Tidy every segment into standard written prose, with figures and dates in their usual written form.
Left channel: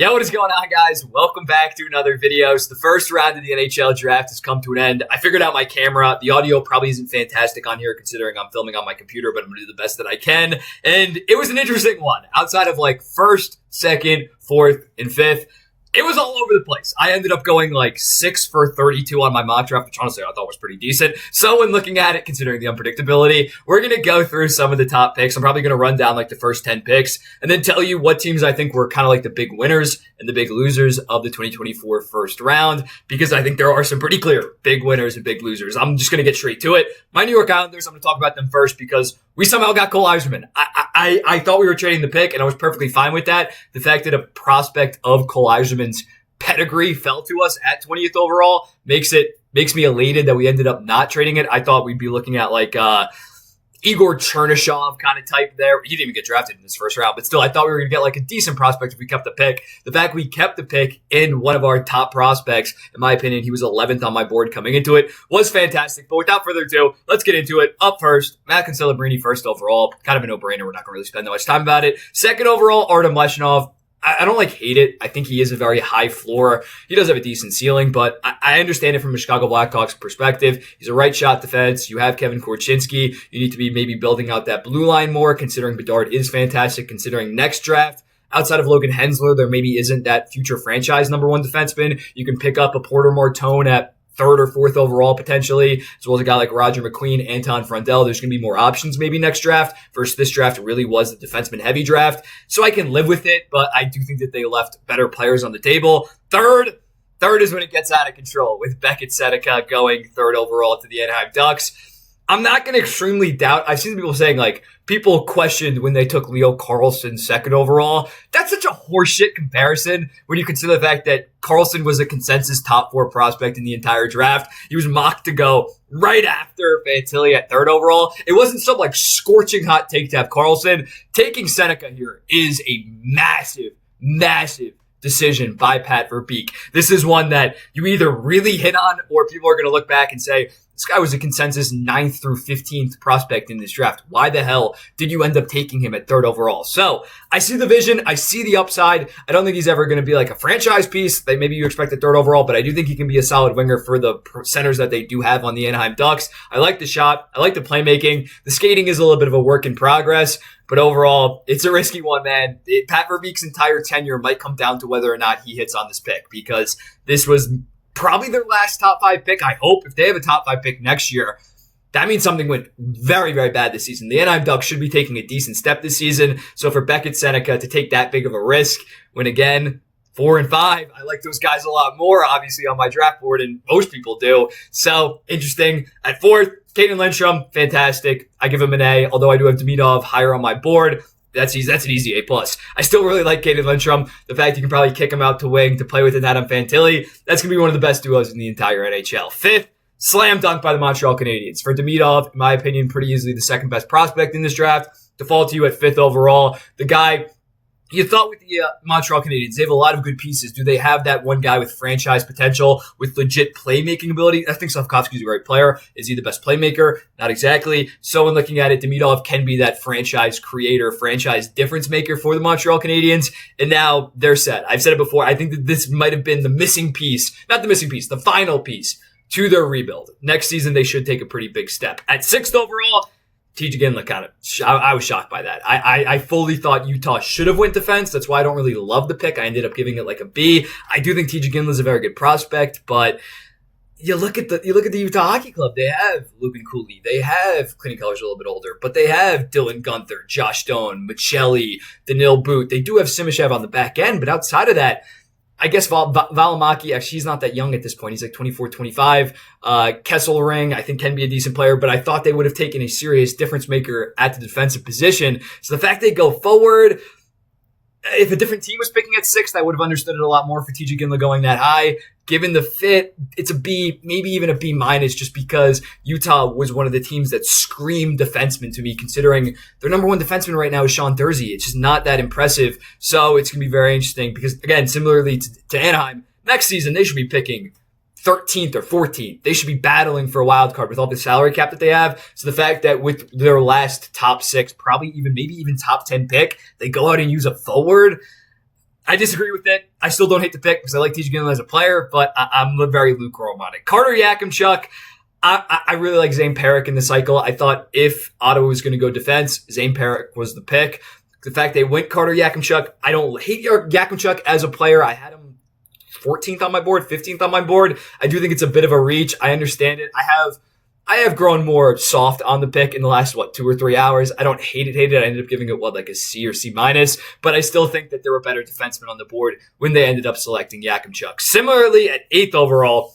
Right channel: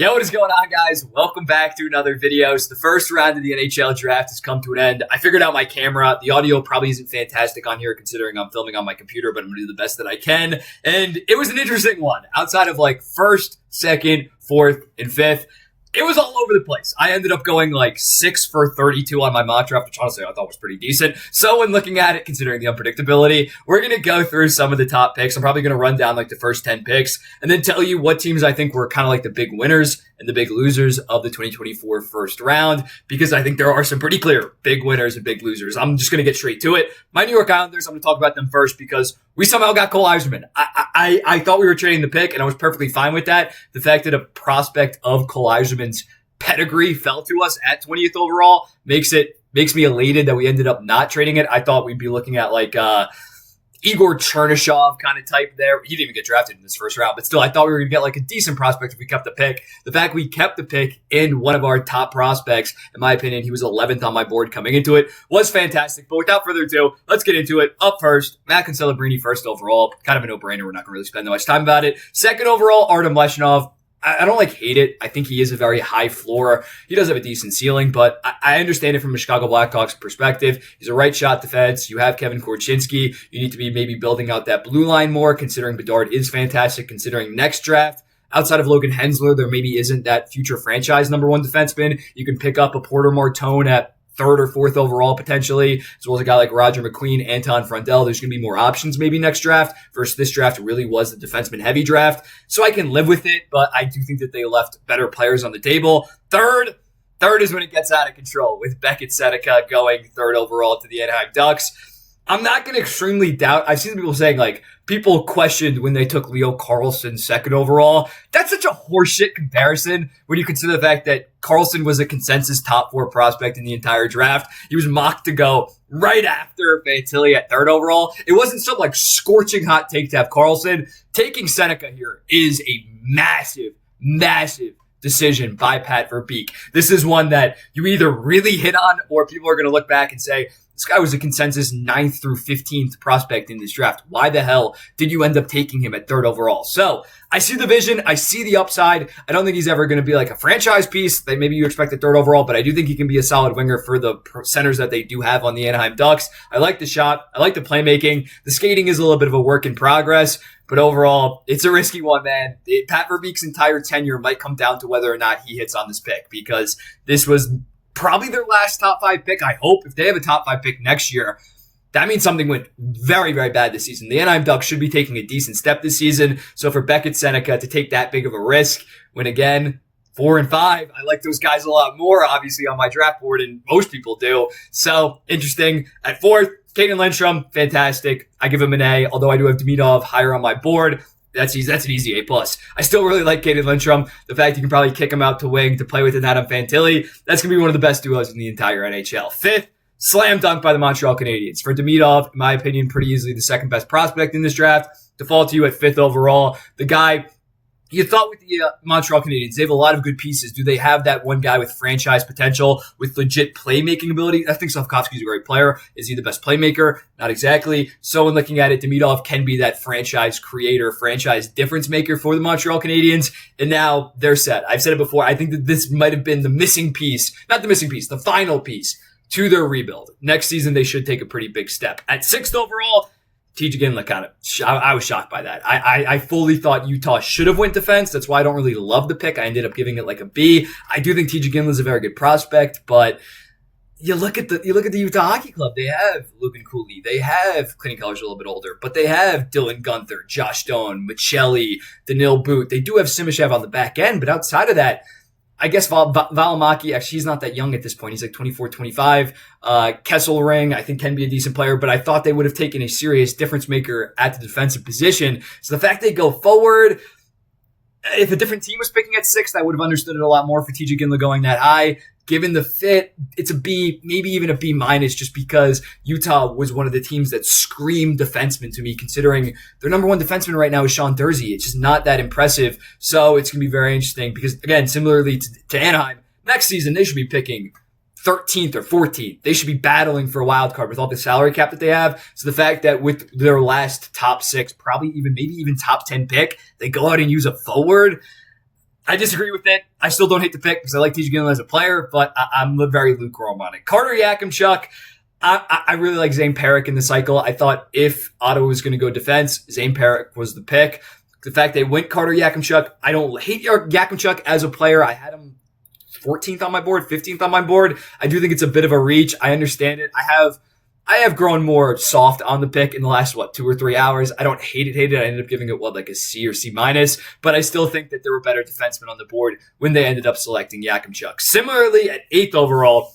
Yo, what is going on, guys? Welcome back to another video. So the first round of the NHL draft has come to an end. I figured out my camera. The audio probably isn't fantastic on here considering I'm filming on my computer, but I'm going to do the best that I can. And it was an interesting one. Outside of like first, second, fourth, and fifth, it was all over the place. I ended up going like 6 for 32 on my mock draft, which honestly I thought was pretty decent. So when looking at it, considering the unpredictability, we're going to go through some of the top picks. I'm probably going to run down like the first 10 picks and then tell you what teams I think were kind of like the big winners and the big losers of the 2024 first round, because I think there are some pretty clear big winners and big losers. I'm just going to get straight to it. My New York Islanders, I'm going to talk about them first because we somehow got Cole Yzerman. I thought we were trading the pick, and I was perfectly fine with that. The fact that a prospect of Cole Yzerman's pedigree fell to us at 20th overall makes me elated that we ended up not trading it. I thought we'd be looking at like Igor Chernyshov kind of type there. He didn't even get drafted in this first round, but still, I thought we were going to get like a decent prospect if we kept the pick. The fact we kept the pick in one of our top prospects, in my opinion, he was 11th on my board coming into it, was fantastic. But without further ado, let's get into it. Up first, Macklin Celebrini first overall. Kind of a no-brainer. We're not going to really spend that much time about it. Second overall, Artem Leshinov. I don't hate it. I think he is a very high floor. He does have a decent ceiling, but I understand it from a Chicago Blackhawks perspective. He's a right shot defense. You have Kevin Korchinski. You need to be maybe building out that blue line more, considering Bedard is fantastic, considering next draft. Outside of Logan Hensler, there maybe isn't that future franchise number one defenseman. You can pick up a Porter Martone at third or fourth overall potentially, as well as a guy like Roger McQueen, Anton Frundell. There's going to be more options maybe next draft versus this draft really was the defenseman heavy draft. So I can live with it, but I do think that they left better players on the table. Third is when it gets out of control with Beckett Seneca going third overall to the Anaheim Ducks. I'm not going to extremely doubt. I've seen people saying like people questioned when they took Leo Carlsson second overall. That's such a horseshit comparison when you consider the fact that Carlsson was a consensus top 4 prospect in the entire draft. He was mocked to go right after Fantilli at third overall. It wasn't some like scorching hot take to have Carlsson. Taking Seneca here is a massive decision by Pat Verbeek. This is one that you either really hit on or people are going to look back and say, this guy was a consensus 9th through 15th prospect in this draft. Why the hell did you end up taking him at third overall? So I see the vision. I see the upside. I don't think he's ever going to be like a franchise piece that maybe you expect at third overall, but I do think he can be a solid winger for the centers that they do have on the Anaheim Ducks. I like the shot. I like the playmaking. The skating is a little bit of a work in progress, but overall, it's a risky one, man. Pat Verbeek's entire tenure might come down to whether or not he hits on this pick, because this was probably their last top 5 pick. I hope if they have a top 5 pick next year, that means something went very, very bad this season. The Anaheim Ducks should be taking a decent step this season. So for Beckett Seneca to take that big of a risk, when again, 4 and 5, I like those guys a lot more, obviously, on my draft board, and most people do. So interesting. At fourth, Caden Lindstrom, fantastic. I give him an A, although I do have Demidov higher on my board. That's easy. That's an easy A+. I still really like Caden Lindstrom. The fact you can probably kick him out to wing to play with an Adam Fantilli, that's going to be one of the best duos in the entire NHL. Fifth, slam dunk by the Montreal Canadiens. For Demidov, in my opinion, pretty easily the second best prospect in this draft. Default to you at 5th overall. The guy you thought with the Montreal Canadiens, they have a lot of good pieces. Do they have that one guy with franchise potential, with legit playmaking ability? I think Slafkovsky's a great player. Is he the best playmaker? Not exactly. So when looking at it, Demidov can be that franchise creator, franchise difference maker for the Montreal Canadiens. And now they're set. I've said it before. I think that this might have been the missing piece, not the missing piece, the final piece to their rebuild. Next season, they should take a pretty big step. At 6th overall, TJ Ginla I was shocked by that. I fully thought Utah should have went defense. That's why I don't really love the pick. I ended up giving it like a B. I do think TJ Ginla is a very good prospect, but you look at the Utah Hockey Club. They have Logan Cooley. They have Clinton Keller's a little bit older, but they have Dylan Gunther, Josh Stone, Michelli, Danil Boot. They do have Simashev on the back end, but outside of that, I guess Valimaki, actually, he's not that young at this point. He's like 24, 25. Kesselring, I think, can be a decent player, but I thought they would have taken a serious difference maker at the defensive position. So the fact they go forward, if a different team was picking at 6th, I would have understood it a lot more for TJ Ginla going that high. Given the fit, it's a B, maybe even a B minus, just because Utah was one of the teams that screamed defenseman to me, considering their number one defenseman right now is Sean Durzi. It's just not that impressive. So it's going to be very interesting because, again, similarly to Anaheim, next season they should be picking 13th or 14th. They should be battling for a wild card with all the salary cap that they have. So the fact that with their last top 6, maybe even top 10 pick, they go out and use a forward, I disagree with it. I still don't hate the pick because I like TJ Gillen as a player, but I'm very lukewarm on it. Carter Yakimchuk, I really like Zane Parrick in the cycle. I thought if Ottawa was going to go defense, Zane Parrick was the pick. The fact they went Carter Yakimchuk, I don't hate Yakimchuk as a player. I had him 14th on my board, 15th on my board. I do think it's a bit of a reach. I understand it. I have grown more soft on the pick in the last, 2 or 3 hours. I don't hate it. I ended up giving it, like a C or C minus, but I still think that there were better defensemen on the board when they ended up selecting Yakimchuk. Similarly, at 8th overall,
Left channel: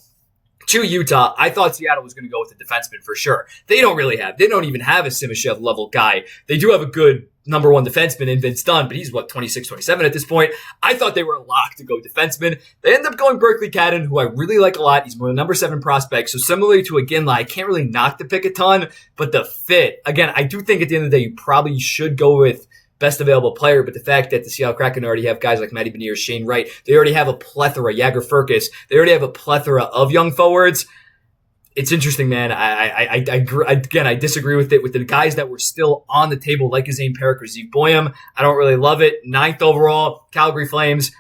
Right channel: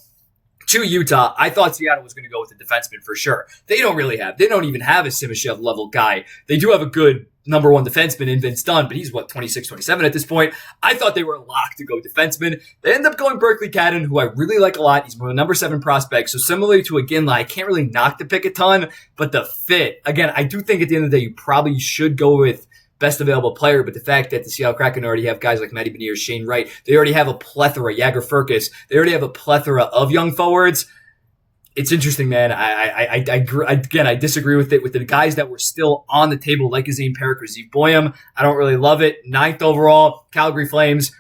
to Utah, I thought Seattle was going to go with a defenseman for sure. They don't even have a Simashev level guy. They do have a good number one defenseman in Vince Dunn, but he's 26, 27 at this point. I thought they were locked to go defenseman. They end up going Berkeley Cadden, who I really like a lot. He's my number 7 prospect. So similarly to Iginla, I can't really knock the pick a ton, but the fit, again, I do think at the end of the day, you probably should go with best available player, but the fact that the Seattle Kraken already have guys like Matty Beniers, Shane Wright, they already have a plethora, Jagger Furcus, they already have a plethora of young forwards. It's interesting, man. I disagree with it. With the guys that were still on the table, like Zane Parrick or Zeev Boyum, I don't really love it. 9th overall, Calgary Flames.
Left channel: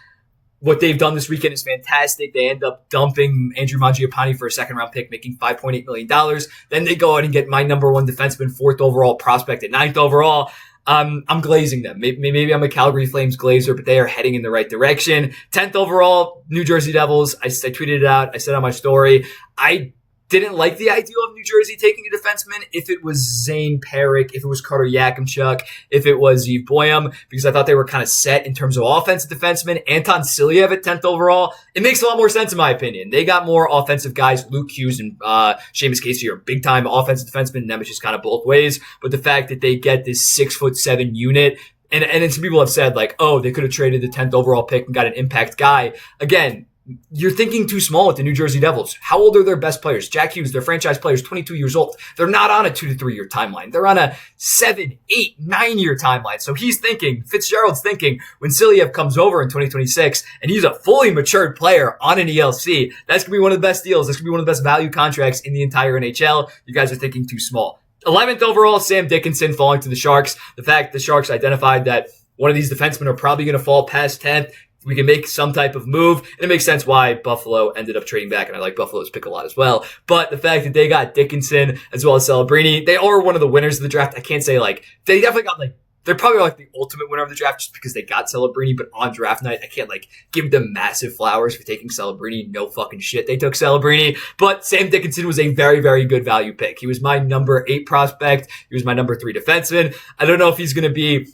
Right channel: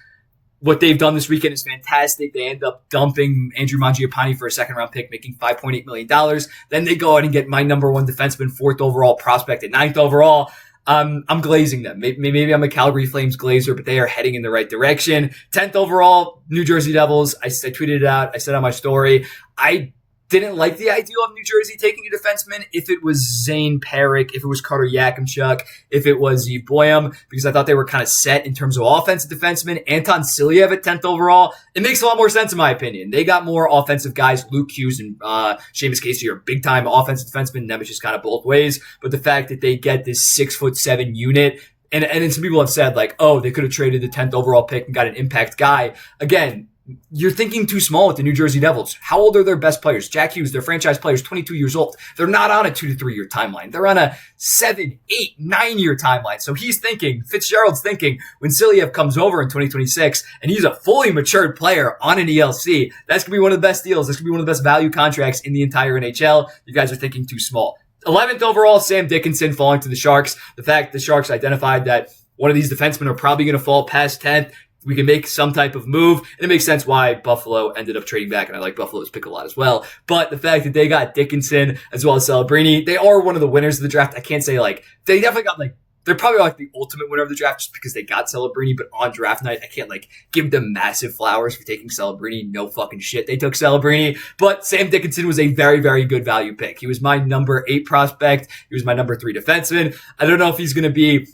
What they've done this weekend is fantastic. They end up dumping Andrew Mangiapane for a second-round pick, making $5.8 million. Then they go out and get my number 1 defenseman, 4th overall prospect at 9th overall. I'm glazing them. Maybe I'm a Calgary Flames glazer, but they are heading in the right direction. 10th overall, New Jersey Devils. I tweeted it out. I said on my story, I didn't like the idea of New Jersey taking a defenseman if it was Zane Parrick, if it was Carter Yakimchuk, if it was Zeev Boyum, because I thought they were kind of set in terms of offensive defensemen. Anton Silyev at 10th overall. It makes a lot more sense in my opinion. They got more offensive guys. Luke Hughes and Seamus Casey are big-time offensive defensemen. Them is just kind of both ways. But the fact that they get this 6'7" unit, and then some people have said like, oh, they could have traded the 10th overall pick and got an impact guy. Again, you're thinking too small with the New Jersey Devils. How old are their best players? Jack Hughes, their franchise players, 22 years old. They're not on a 2 to 3 year timeline. They're on a 7, 8, 9 year timeline. So Fitzgerald's thinking when Silyev comes over in 2026 and he's a fully matured player on an ELC, that's going to be one of the best deals. That's going to be one of the best value contracts in the entire NHL. You guys are thinking too small. 11th overall, Sam Dickinson falling to the Sharks. The fact the Sharks identified that one of these defensemen are probably going to fall past 10th. We can make some type of move, and it makes sense why Buffalo ended up trading back, and I like Buffalo's pick a lot as well. But the fact that they got Dickinson as well as Celebrini, they are one of the winners of the draft. I can't say they definitely got they're probably the ultimate winner of the draft just because they got Celebrini, but on draft night, I can't give them massive flowers for taking Celebrini. No fucking shit. They took Celebrini, but Sam Dickinson was a very, very good value pick. He was my number 8 prospect. He was my number 3 defenseman. I don't know if he's going to be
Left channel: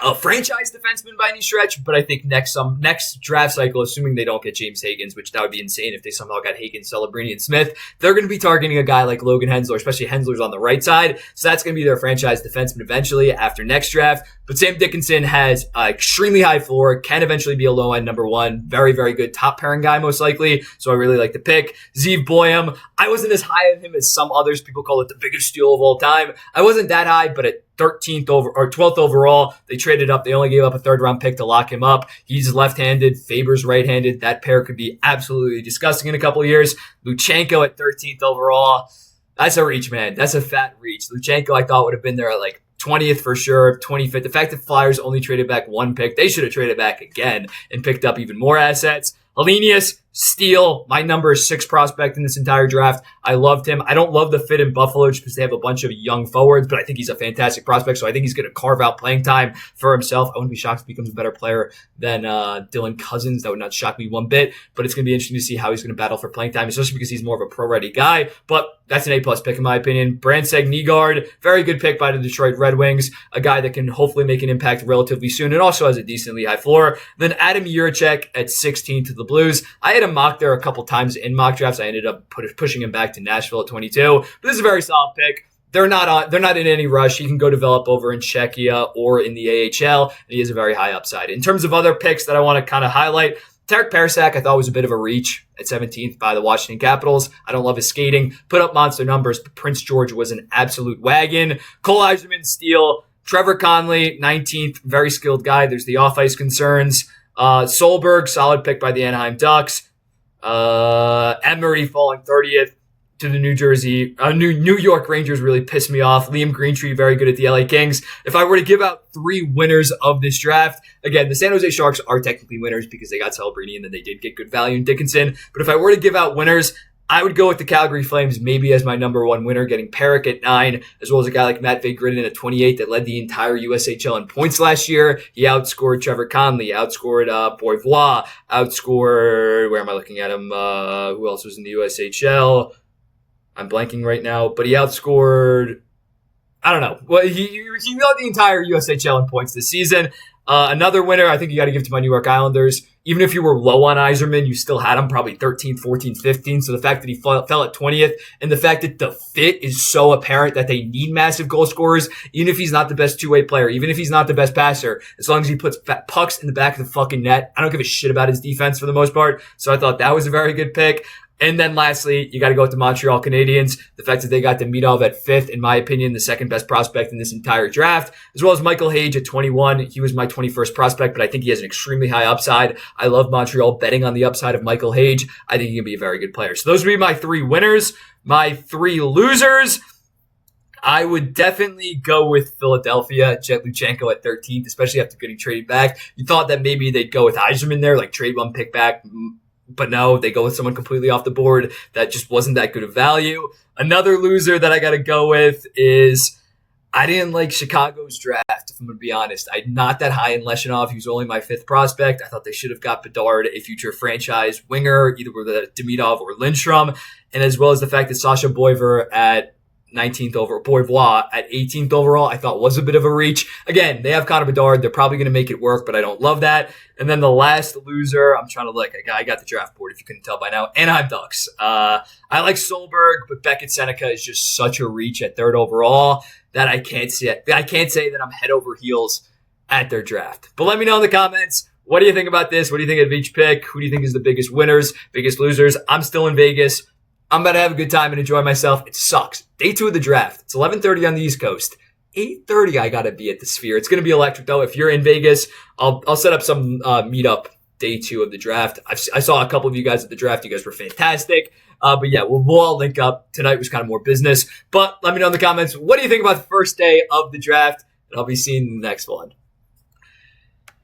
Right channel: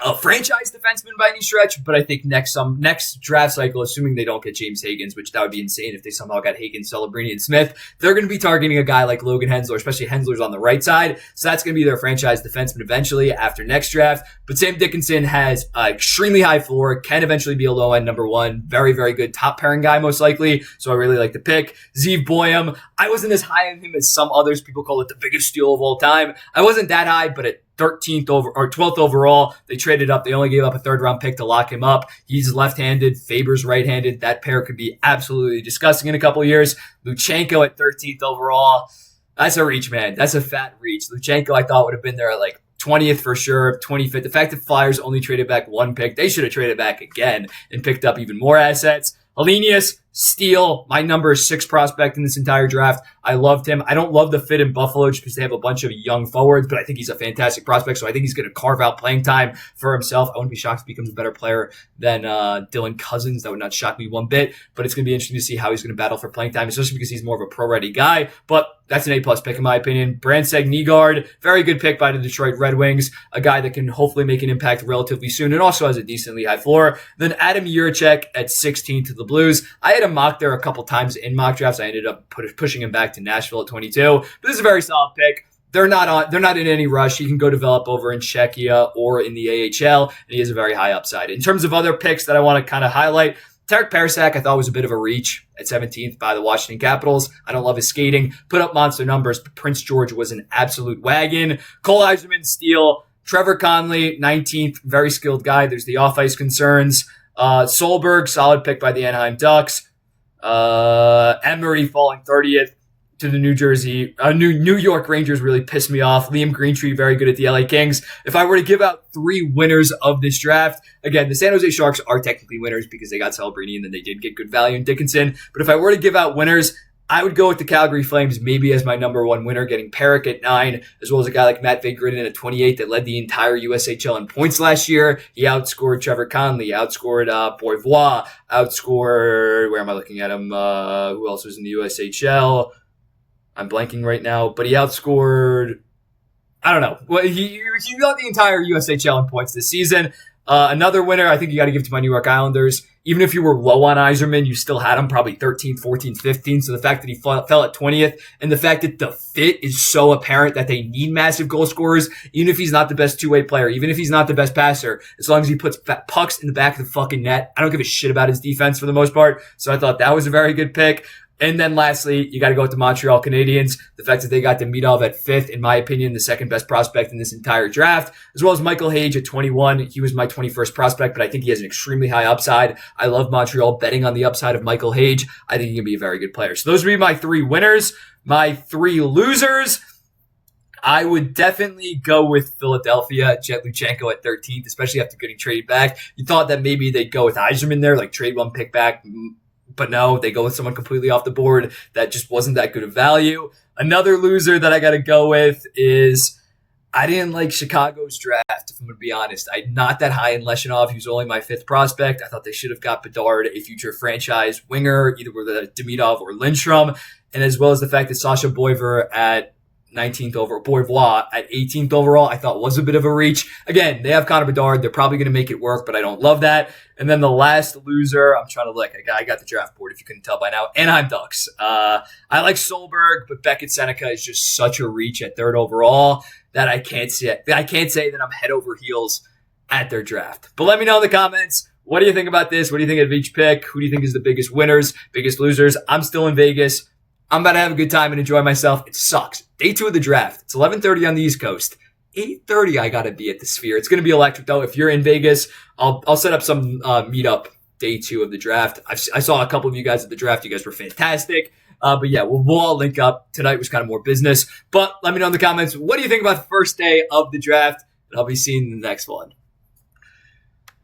a franchise defenseman by any stretch, but I think next draft cycle, assuming they don't get James Higgins, which that would be insane if they somehow got Higgins, Celebrini, and Smith, they're going to be targeting a guy like Logan Hensler, especially Hensler's on the right side. So that's going to be their franchise defenseman eventually after next draft. But Sam Dickinson has an extremely high floor, can eventually be a low end number 1. Very, very good top pairing guy, most likely. So I really like the pick. Zeev Boyum, I wasn't as high on him as some others. People call it the biggest steal of all time. I wasn't that high, but at 12th overall, they traded up. They only gave up a 3rd round pick to lock him up. He's left-handed. Faber's right-handed. That pair could be absolutely disgusting in a couple of years. Luchenko at 13th overall. That's a reach, man. That's a fat reach. Luchenko, I thought would have been there at 20th for sure, 25th. The fact that Flyers only traded back 1 pick, they should have traded back again and picked up even more assets. Helenius, steal, my number 6 prospect in this entire draft. I loved him. I don't love the fit in Buffalo just because they have a bunch of young forwards, but I think he's a fantastic prospect, so I think he's going to carve out playing time for himself. I wouldn't be shocked if he becomes a better player than Dylan Cousins. That would not shock me one bit, but it's going to be interesting to see how he's going to battle for playing time, especially because he's more of a pro-ready guy, but that's an A-plus pick in my opinion. Brandseg Nygaard, very good pick by the Detroit Red Wings, a guy that can hopefully make an impact relatively soon and also has a decently high floor. Then Adam Jiricek at 16 to the Blues. I had him mocked there a couple times in mock drafts. I ended up pushing him back to Nashville at 22, but this is a very solid pick. They're not in any rush. He can go develop over in Czechia or in the AHL, and he has a very high upside. In terms of other picks that I want to kind of highlight, Tarek Parasak I thought was a bit of a reach at 17th by the Washington Capitals. I don't love his skating. Put up monster numbers, but Prince George was an absolute wagon. Cole Eiserman, steal. Trevor Conley, 19th, very skilled guy. There's the off-ice concerns. Solberg, solid pick by the Anaheim Ducks. Emery falling 30th. to the New York Rangers really pissed me off. Liam Greentree, very good at the LA Kings. If I were to give out 3 winners of this draft, again, the San Jose Sharks are technically winners because they got Celebrini and then they did get good value in Dickinson. But if I were to give out winners, I would go with the Calgary Flames maybe as my number 1 winner, getting Perrick at 9, as well as a guy like Matt Vigridin at 28 that led the entire USHL in points last year. He outscored Trevor Conley, outscored Boivois, outscored, where am I looking at him? Who else was in the USHL? I'm blanking right now, but he outscored, I don't know. Well, he led the entire USHL in points this season. Another winner, I think you got to give to my New York Islanders. Even if you were low on Yzerman, you still had him probably 13th, 14th, 15th. So the fact that he fell at 20th and the fact that the fit is so apparent that they need massive goal scorers, even if he's not the best two-way player, even if he's not the best passer, as long as he puts pucks in the back of the fucking net, I don't give a shit about his defense for the most part. So I thought that was a very good pick. And then lastly, you got to go with the Montreal Canadiens. The fact that they got Demidov at 5th, in my opinion, the second best prospect in this entire draft, as well as Michael Hage at 21. He was my 21st prospect, but I think he has an extremely high upside. I love Montreal betting on the upside of Michael Hage. I think he can be a very good player. So those would be my 3 winners. My 3 losers, I would definitely go with Philadelphia, Jet Luchenko at 13th, especially after getting traded back. You thought that maybe they'd go with Yzerman there, like trade 1 pick back. But no, they go with someone completely off the board that just wasn't that good of value. Another loser that I got to go with is I didn't like Chicago's draft, if I'm going to be honest. I'm not that high in Leshinov. He was only my 5th prospect. I thought they should have got Bedard, a future franchise winger, either with Demidov or Lindstrom, and as well as the fact that Sasha Boivois at 19th overall, Boivois at 18th overall, I thought was a bit of a reach. Again, they have Connor Bedard. They're probably going to make it work, but I don't love that. And then the last loser, I'm trying to look. I got the draft board, if you couldn't tell by now. Anaheim Ducks. I like Solberg, but Beckett Seneca is just such a reach at 3rd overall that I can't say that I'm head over heels at their draft. But let me know in the comments. What do you think about this? What do you think of each pick? Who do you think is the biggest winners, biggest losers? I'm still in Vegas. I'm about to have a good time and enjoy myself. It sucks. Day 2 of the draft. It's 11:30 on the East Coast. 8:30, I got to be at the Sphere. It's going to be electric, though. If you're in Vegas, I'll set up some meetup day 2 of the draft. I saw a couple of you guys at the draft. You guys were fantastic. But yeah, we'll all link up. Tonight was kind of more business. But let me know in the comments, what do you think about the first day of the draft? And I'll be seeing you in the next one.